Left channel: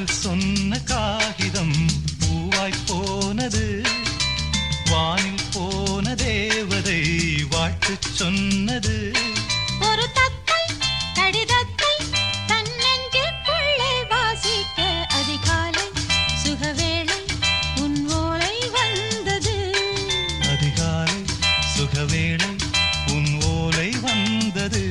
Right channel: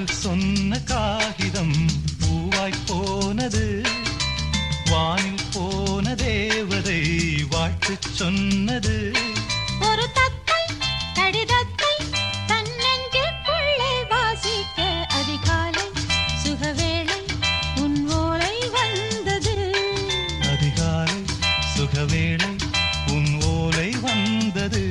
காதல் சொன்ன காகிதம் பூவாய் போனது. வானில் போன தேவதை வாழ்த்து சொன்னது. ஒரு தத்தை கடிதத்தை தன்னெஞ்சுக்குள்ளே வாசிக்க அதிகாலை சுகவேளை உன் ஓலை வந்தது. அதிகாலை சுகவேளை உன் ஓலை வந்தது.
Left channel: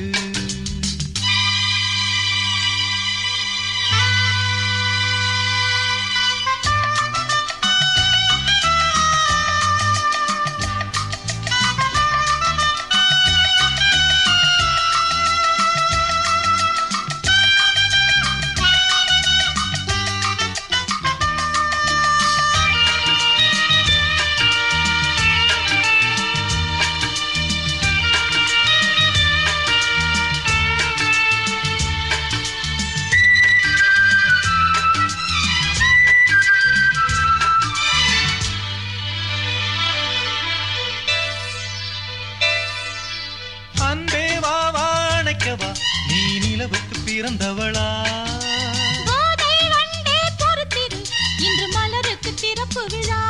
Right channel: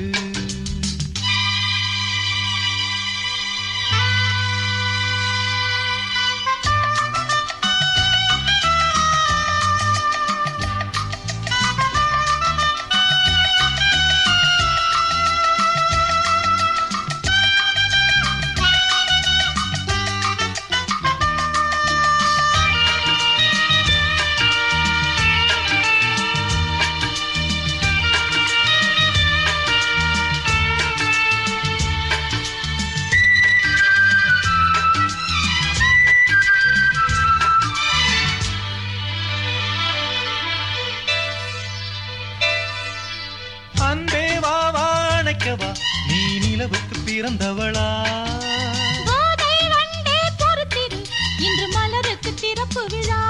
அன்பே வா வாழைக்கவா நீ நிலவுக்கு பிறந்தவளா? கோதை வண்டே பொறுத்திரு இன்று மலருக்கு திறப்பு விழா.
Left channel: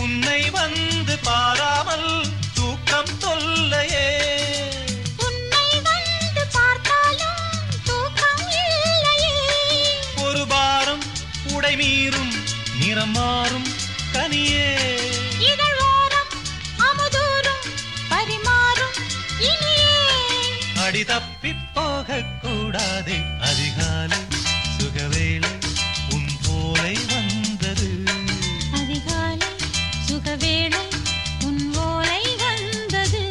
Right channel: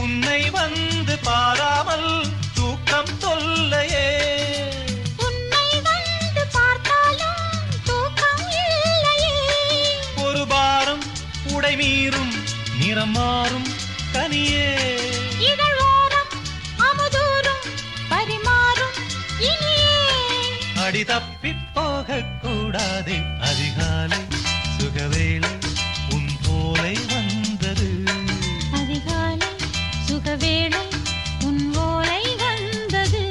உன்னை வந்து பாராமல் தூக்கம் தொல்லையே. உன்னை வந்து பார்த்தாலும் தூக்கம் இல்லையே. ஒரு பாரம் உடை மீறும் நிறம் மாறும் கனியே. இதழ் ஓரம் அமுதூரும் பரிமாறும் இனியே. அடி தப்பி போக கூடாதே அதிகாலை சுகவேளை உன் போலை வந்தது. அதிகாலை சுகவேளை உன் ஓலை வந்தது.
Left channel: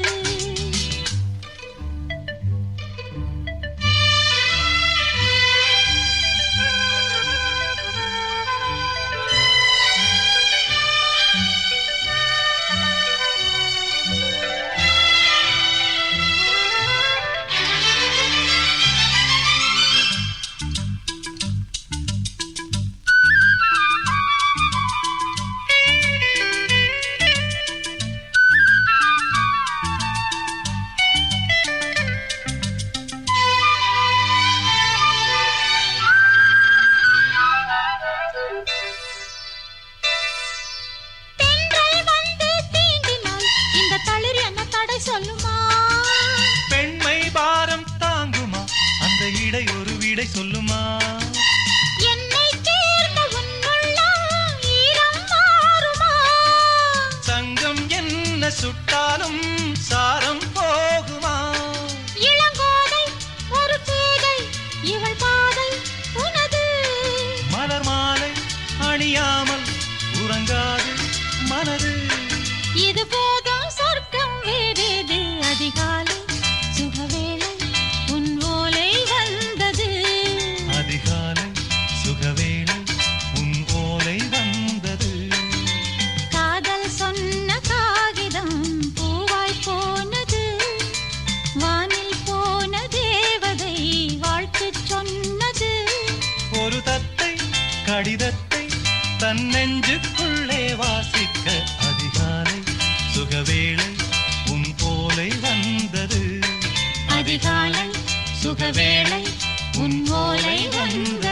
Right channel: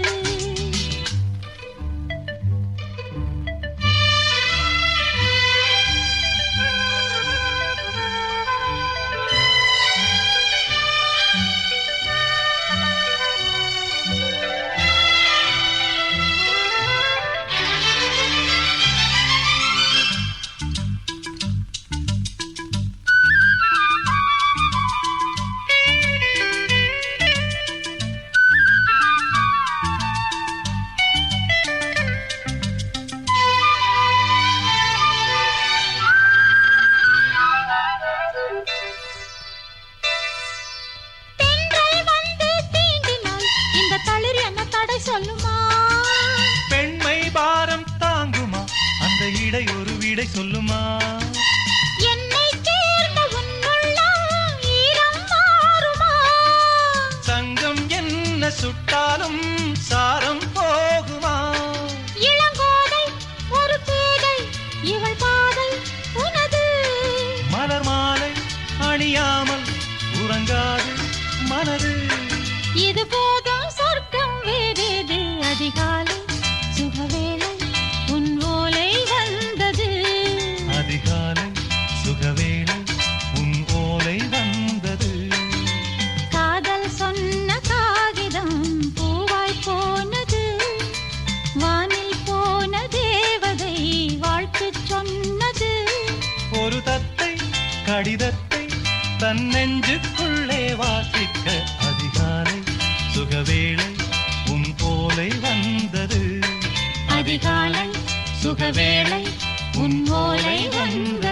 சொல்லுமா பெண்மை பாரம் தாங்குமா அந்த இடை ஒரு விடை சொல்லுமா? என்னை தேர்ந்த உன்னுள்ளம் ஈரம் மாறுமா? சங்கம் என்ன சுட்டாலும் சாரம் போகுமா? இளங்கோதை ஒரு பேதை இவள் பாதை உனது. மலர் மாலை அணியாமல் உறங்காது மனது. இது போதும் சொர்க்கம் வேறேது. அதிகாலை சுகவேளை உன் ஓலை வந்தது. அதிகாலை சுகவேளை உன் ஓலை வந்தது. காதல் சொன்ன காகிதம் பூவாய் போனது. வானில் போன தேவதை வாழ்த்து சொன்னது. ஒரு தத்தை கடிதத்தை தன் நெஞ்சுக்குள்ளே வாசிக்க அதிகாலை சுகவேளை உன் போலை வந்தது. அதிகாலை சுகவேளை உன் ஓலை வந்தது.